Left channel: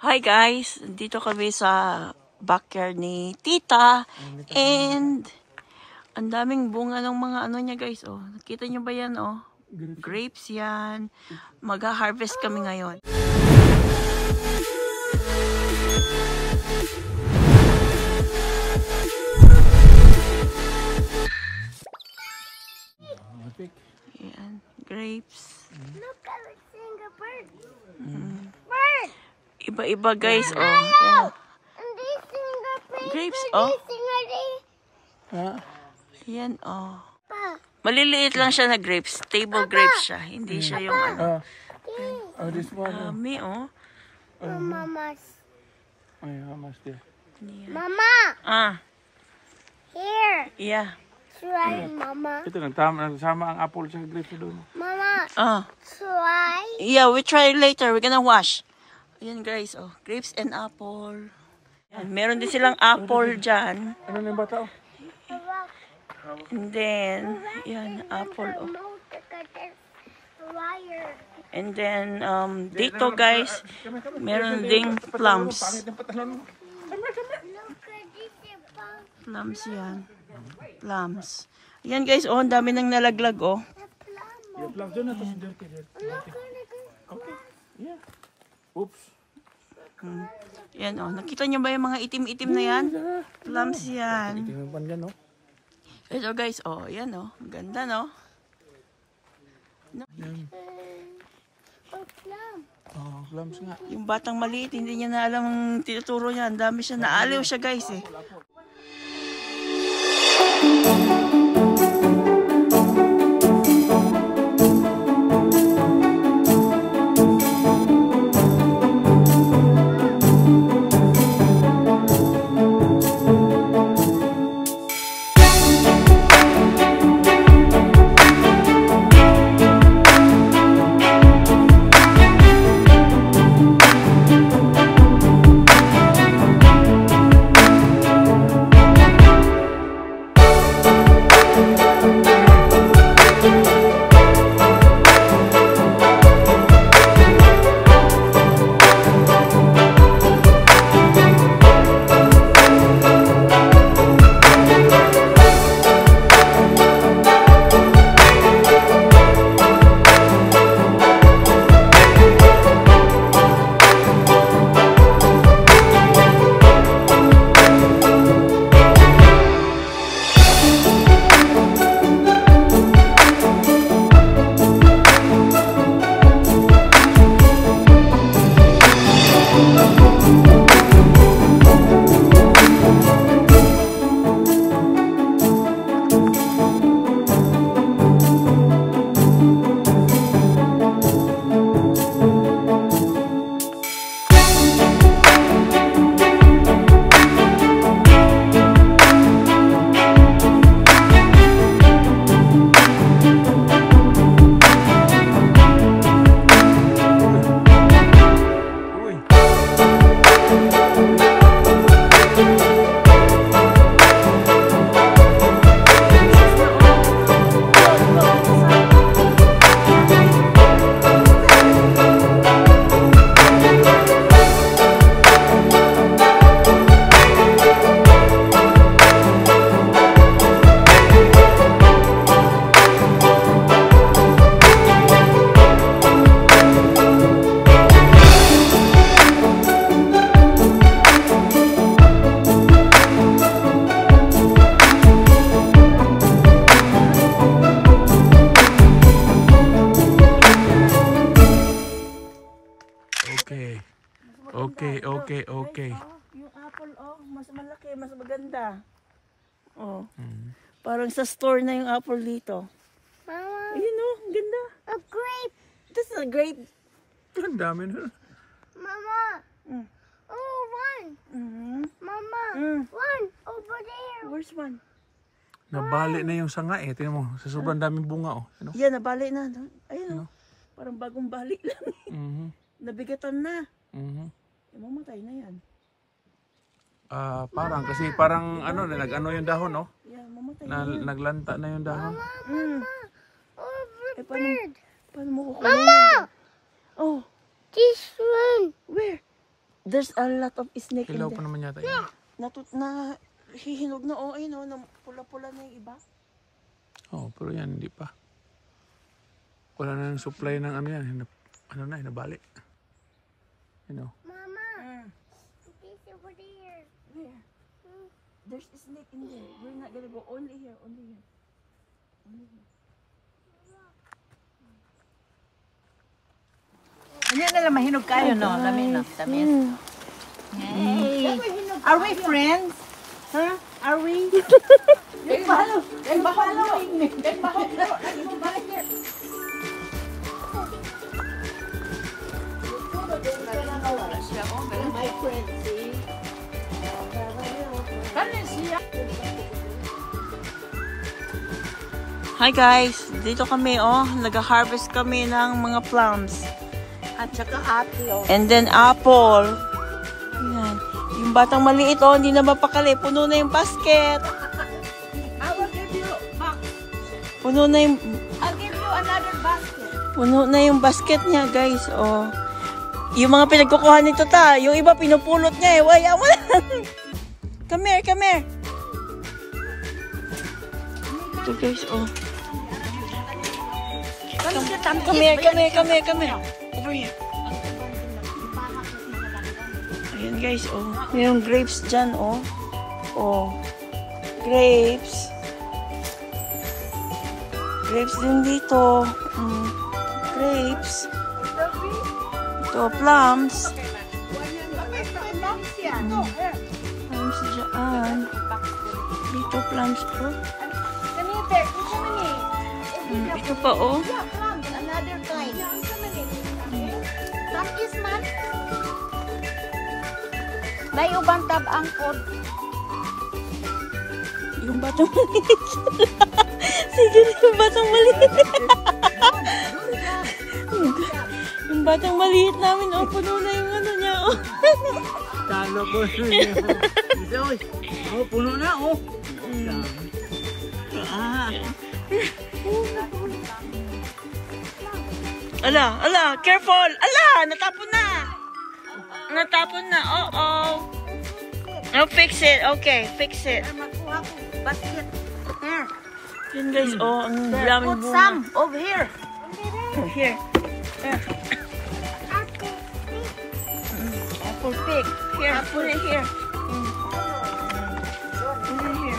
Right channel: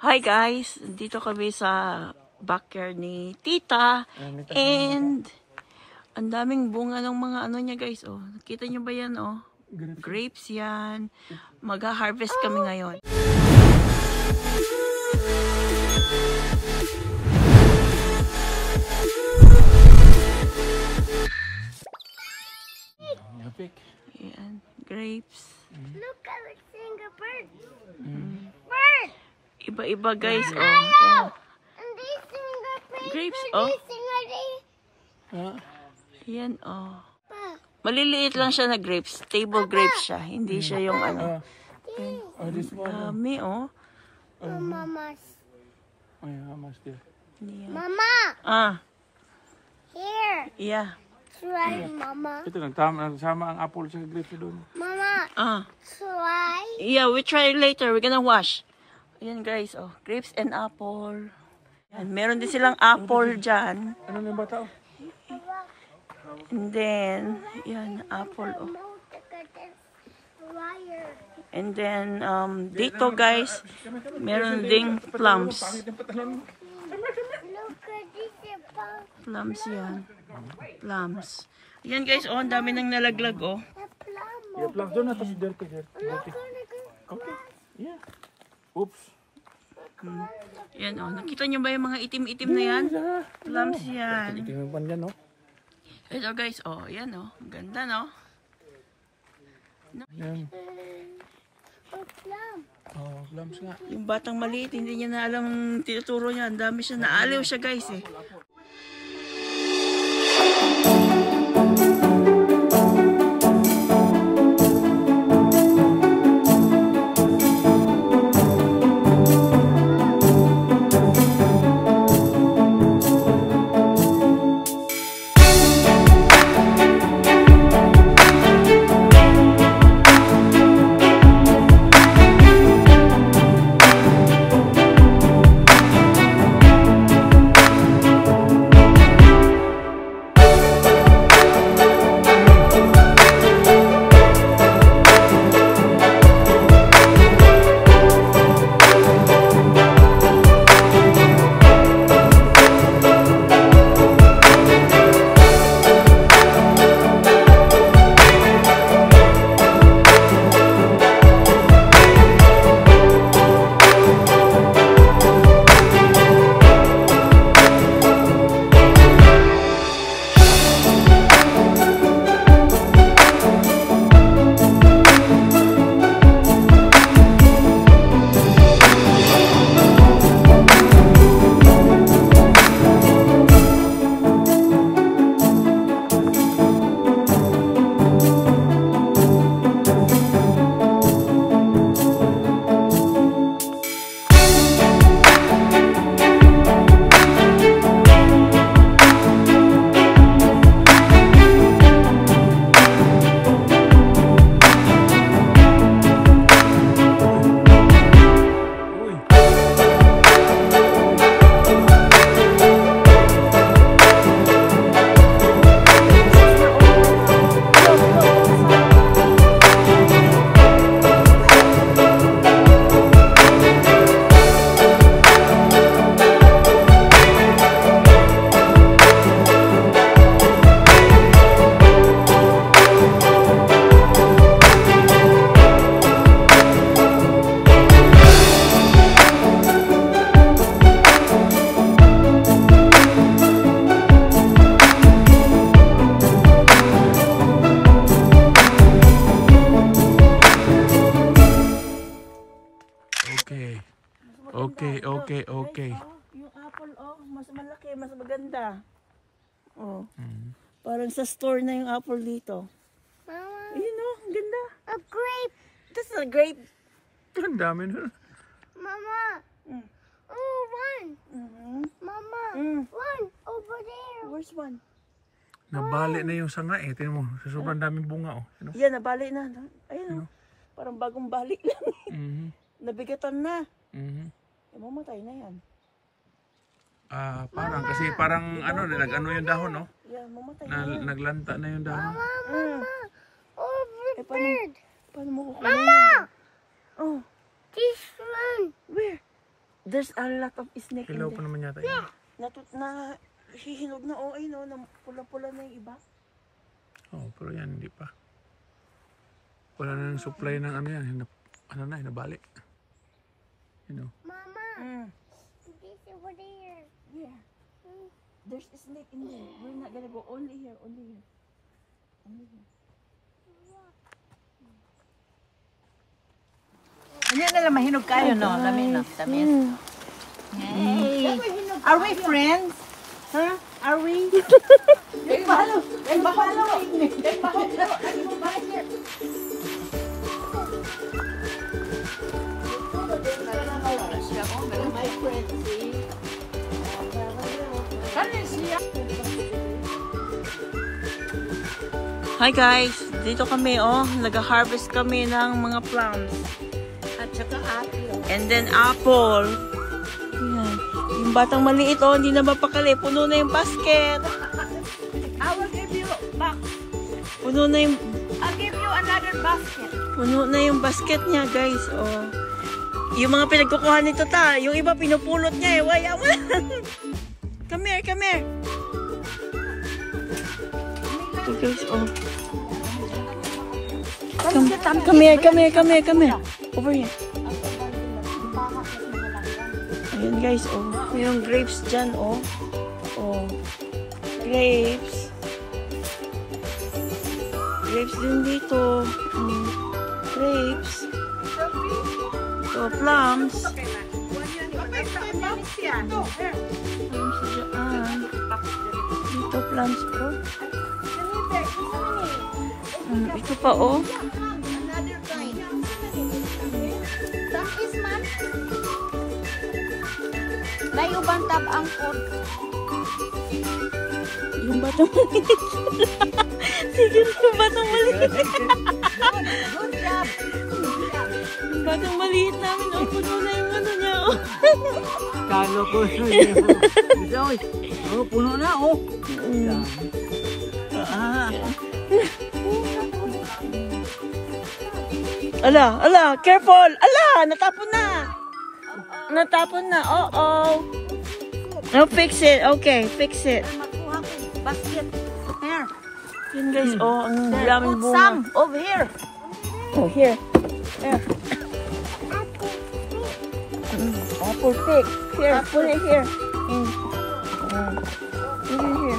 Hi guys, dito kami sa backyard ni Tita and ang daming bunga ng mga ano niya guys. Oh, nakita niyo ba yan? Oh, grapes yan. Mag-harvest kami ngayon. Yan, grapes. Look at the single bird. Bird. Iba-iba guys. Oh, yan. Grapes. Oh. Yan. Oh. Maliliit lang siya na grapes. Table grapes siya. Hindi siya yung ano. Dami, oh. Mama's. Yeah. Mama. Here. Yeah. Try, Mama. Ito nagsama ang apple sa grapes doon. Mama. Try. Yeah, we try later. We're gonna wash. Ayan guys, oh. Grapes and apple. Yan, meron din silang apple dyan. Ano na yung bata? And then, yan, apple, oh. And then, dito guys, meron ding plums. Plums yan. Plums. Ayan guys, oh, ang dami nang nalaglag, oh. Yeah, plums doon na, tapos dirty. Okay. Yeah. Oops. Yan, oh. Nakita nyo ba yung mga itim-itim na yan? Plums yan. Tingnan yan, no? Ito guys, oh, yan, oh. Ganda, no? Oh, plums nga. Yung batang maliit, hindi niya na alam ang tinuturo niya. Ang dami siya. Naaliw siya guys, eh. Okay. Yung apple, oh, mas malaki, mas maganda. Oh. Parang sa store na yung apple dito. Mama. Ayun, oh, ang ganda. A grape. This is a grape. Ang dami na. Mama. Oh, one. Mama. One over there. Where's one? Nabali na yung sanga eh. Tingnan mo, sa sobrang daming bunga oh. Ano? Yan, nabali na. Ayun, Ano? parang bagong bali lang. Nabigatan na. Mamatay na yan. Parang kasi parang ano, nag-ano yung dahon, no? Yeah, mamatay. Naglanta na yung dahon. Over bird. Paano mo kukunin yun? Oh, This one. where? There's a lot of snake in Hilaw there. pa naman yata yun. Hihinog na, oh, ayun, oh, na pula-pula na yung iba. Oh, pero yan, hindi pa. Wala na yung supply ng ano yan. Hinabali. You know. Mama, this over there. Yeah. There's a snake in there. We're not gonna go only here, only here. Only here. Ano na lang, mahinog kayo, no? Dami na, tamis. Hey! Are we friends? Huh? Are we? They're following me. They're following me. My friend, see? Hi guys! Dito kami, oh. Nag-harvest kami ng mga plums. At saka ate, oh. And then apple. Ayan. Yung batang maliit, oh, hindi na mapakali. Puno na yung basket. I will give you back. Puno na yung... I'll give you another basket. Puno na yung basket niya, guys. Oh. Yung mga pinagkukuha nito ta, yung iba pinupulot niya eh. Wala mo lang. Come here, come here. Ito guys, oh. Come here, come here, come here, come here. Over here. Ayan guys, oh. Mayroong grapes dyan, oh. Oh. Grapes. Grapes din dito. Grapes. Ito, plums. Plums dyan. Dito, plums po. Ito pa, oh. May ubang tab-ang ko. Yung batang maliit. Sige, yung batang maliit. Yung batang maliit namin, oh, puno na yung ano niya, oh. Kalo ko. Oh, puno na, oh. Ala, ala, careful! Ala, natapon na! Natapon na, oh. No, fix it. Okay, fix it. Yan guys, oh, ang daming bunga. Over here. Oh, here. Apple pick. Here, put it here. Put it here.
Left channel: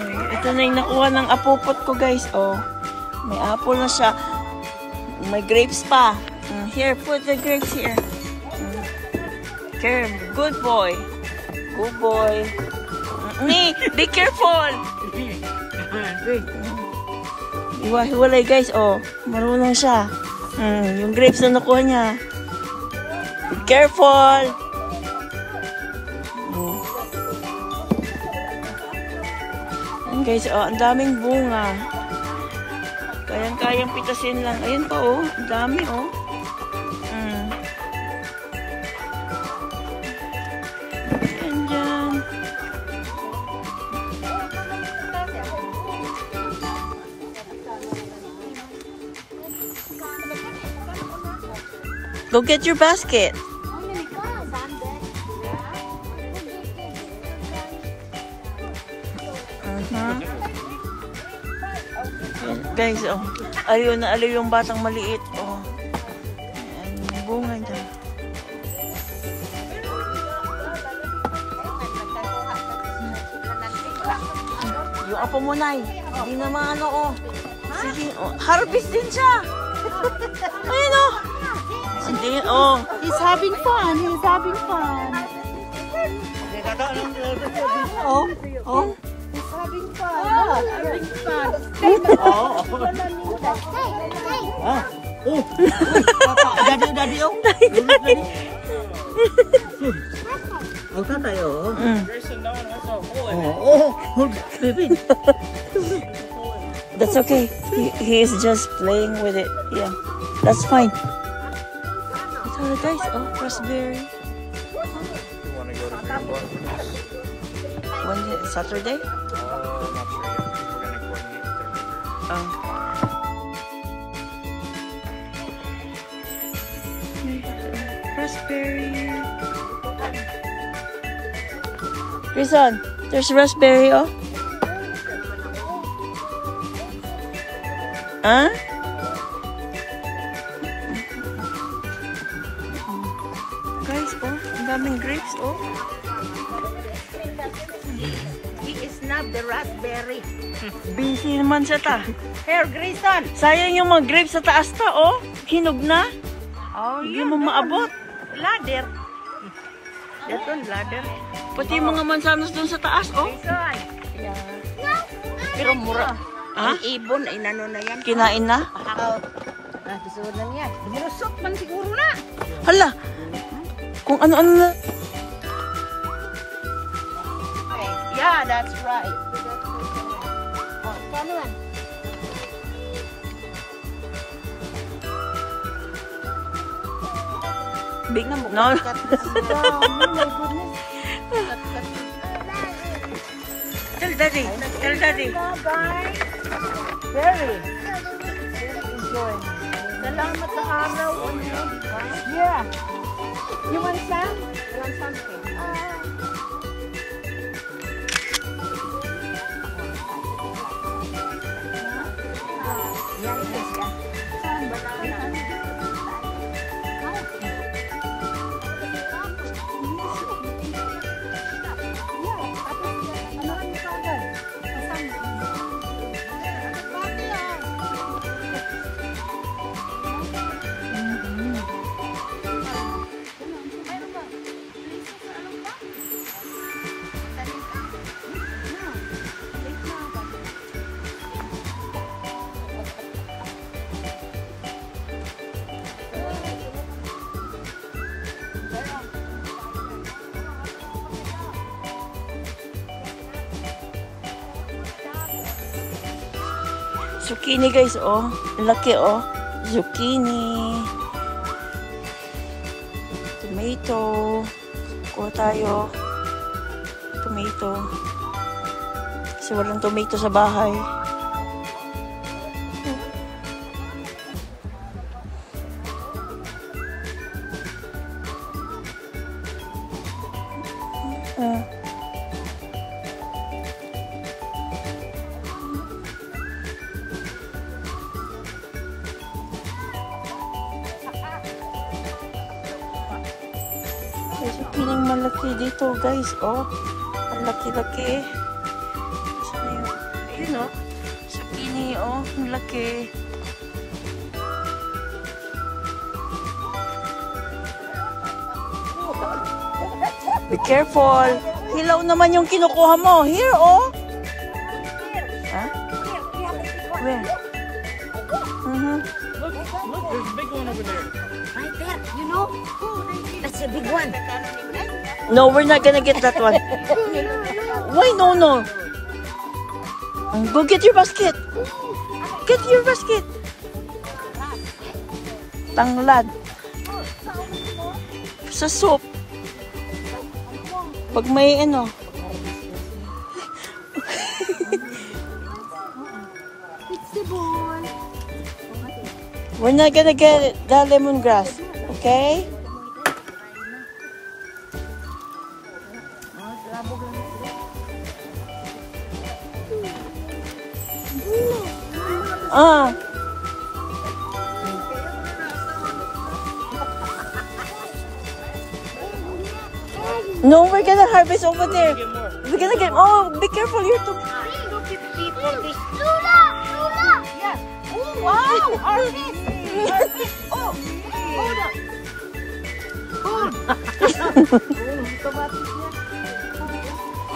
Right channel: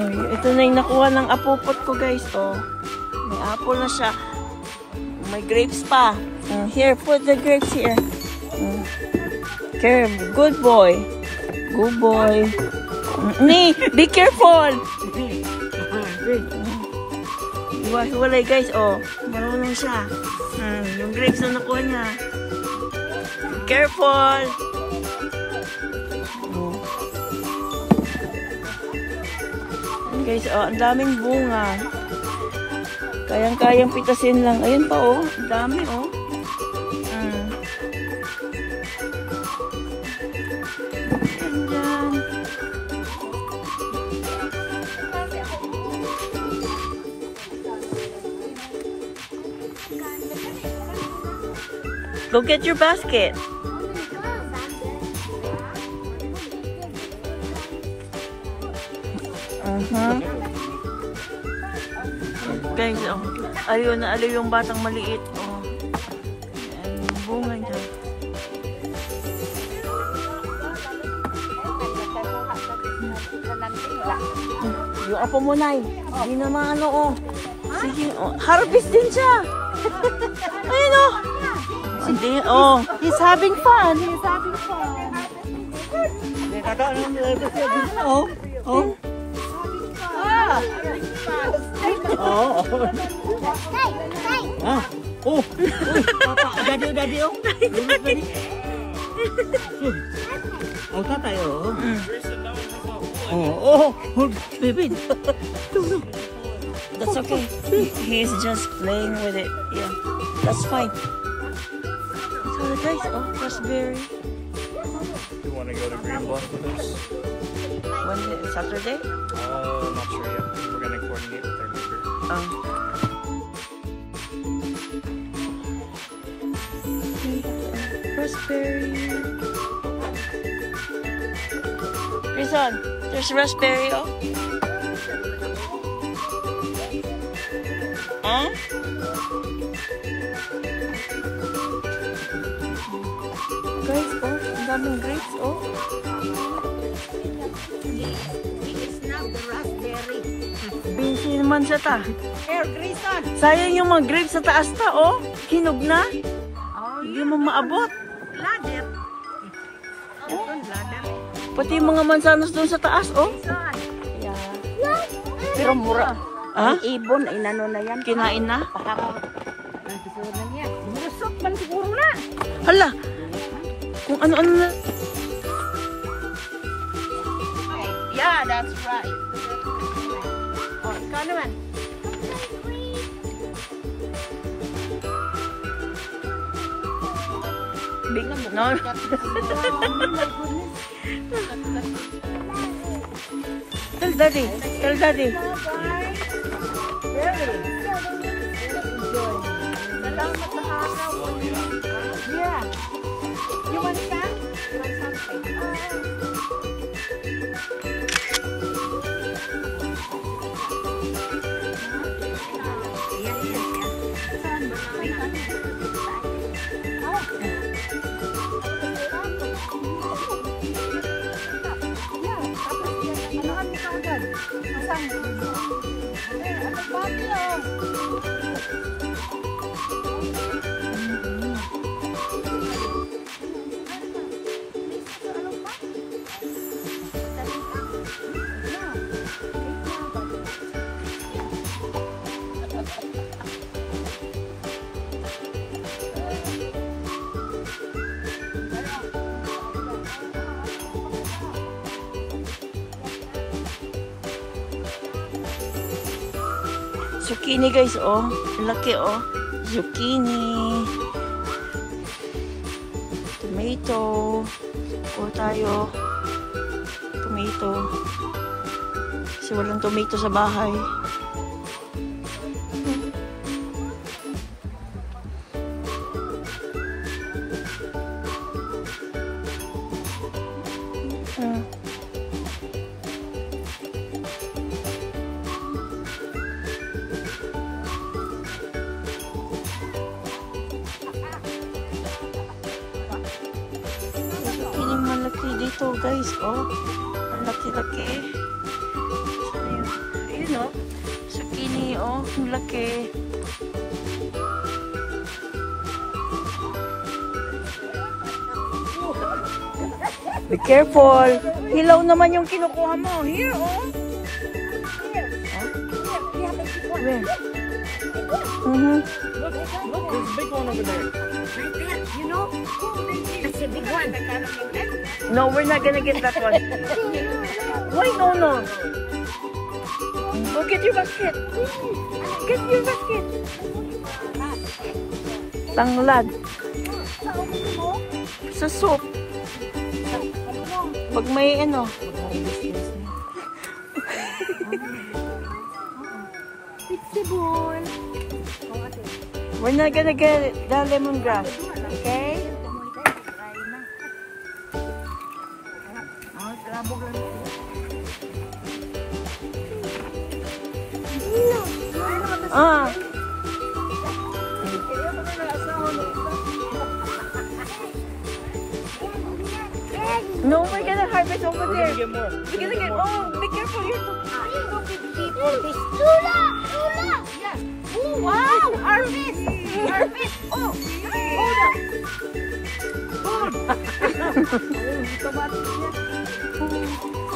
Ay, ito na yung nakuha ng apupot ko guys, oh. May apple na siya. May grapes pa. Here, put the grapes here. There, good boy. Good boy. Nee, be careful. Hiwa-hiwalay guys, oh. Marunong siya. Yung grapes na nakuha niya. Be careful. Ayan guys, oh, ang daming bunga. Kayang-kayang pitasin lang. Ayan pa, oh. Ang dami, oh. Ayan dyan. Go get your basket. Guys, oh. Aliw na aliw yung batang maliit, oh. Ayan, yung bunga niya. Yung apo mo, Nay. Hindi naman ano, oh. Sige, oh. Harvest din siya. Ayun, oh. Hindi, oh. He's having fun. He's having fun. Oh, oh. Oh, daddy, oh. Oh, tatay, oh. Oh, baby. That's okay. He is just playing with it. Yeah, that's fine. So guys, oh, raspberry. When Saturday? Raspberry. Listen, there's raspberry, oh. Huh? Guys, oh, ang daming grapes, oh. It's not the raspberry. Busy naman siya ta. Here, Grayson. Sayang yung mga grapes sa taas ta, oh. Hinog na. Oh, Hindi mo maabot. ladder. Ito, ladder. Pati yung mga mansanas doon sa taas, oh. Pero mura. Ah? Ang ibon, inano na yan. Kinain na? Nakisuod na yan. Bulusot man siguro na. Hala! Kung ano-ano na. Okay. Yeah, that's right. Oh, ikaw naman. Big, no? Tell daddy. Tell daddy. Very. Enjoy. Salamat sa araw. Yeah. You want some? Zucchini guys, oh. Laki, oh. Zucchini. Tomato. Kuha tayo. Tomato. Kasi walang tomato sa bahay. Zucchini malaki dito guys, oh. Ang laki-laki. Ayun, oh. Zucchini, oh. Ang laki. Be careful. Hilaw naman yung kinukuha mo. Here, oh. Huh? Where? Right there, you know? That's a big one. No, we're not gonna get that one. Why no, no? Go get your basket. Get your basket. Tanglad. Sa soup. Pag may ano. It's the ball. We're not gonna get the lemongrass. Okay? Ah. No, we're gonna harvest over there. We're gonna get. Oh, be careful! You're too. Lula! Lula! Oh, wow! Harvest! Harvest! Oh! Hold up! Hold!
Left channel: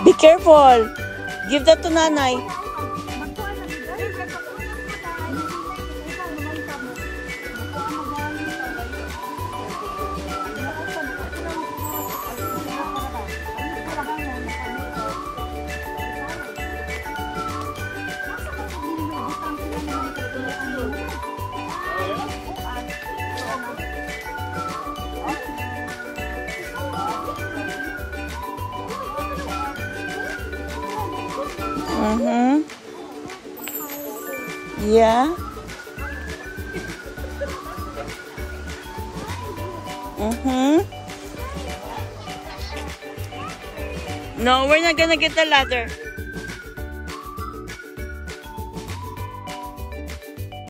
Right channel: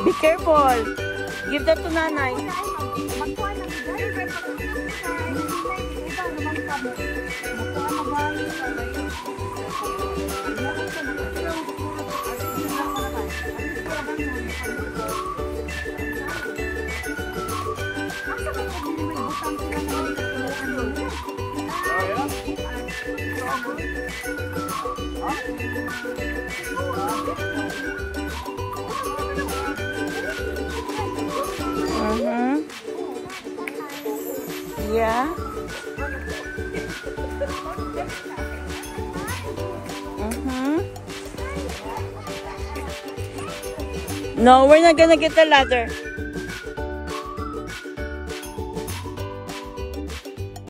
Be careful. Give that to nanay. Yeah. No, we're not gonna get the ladder.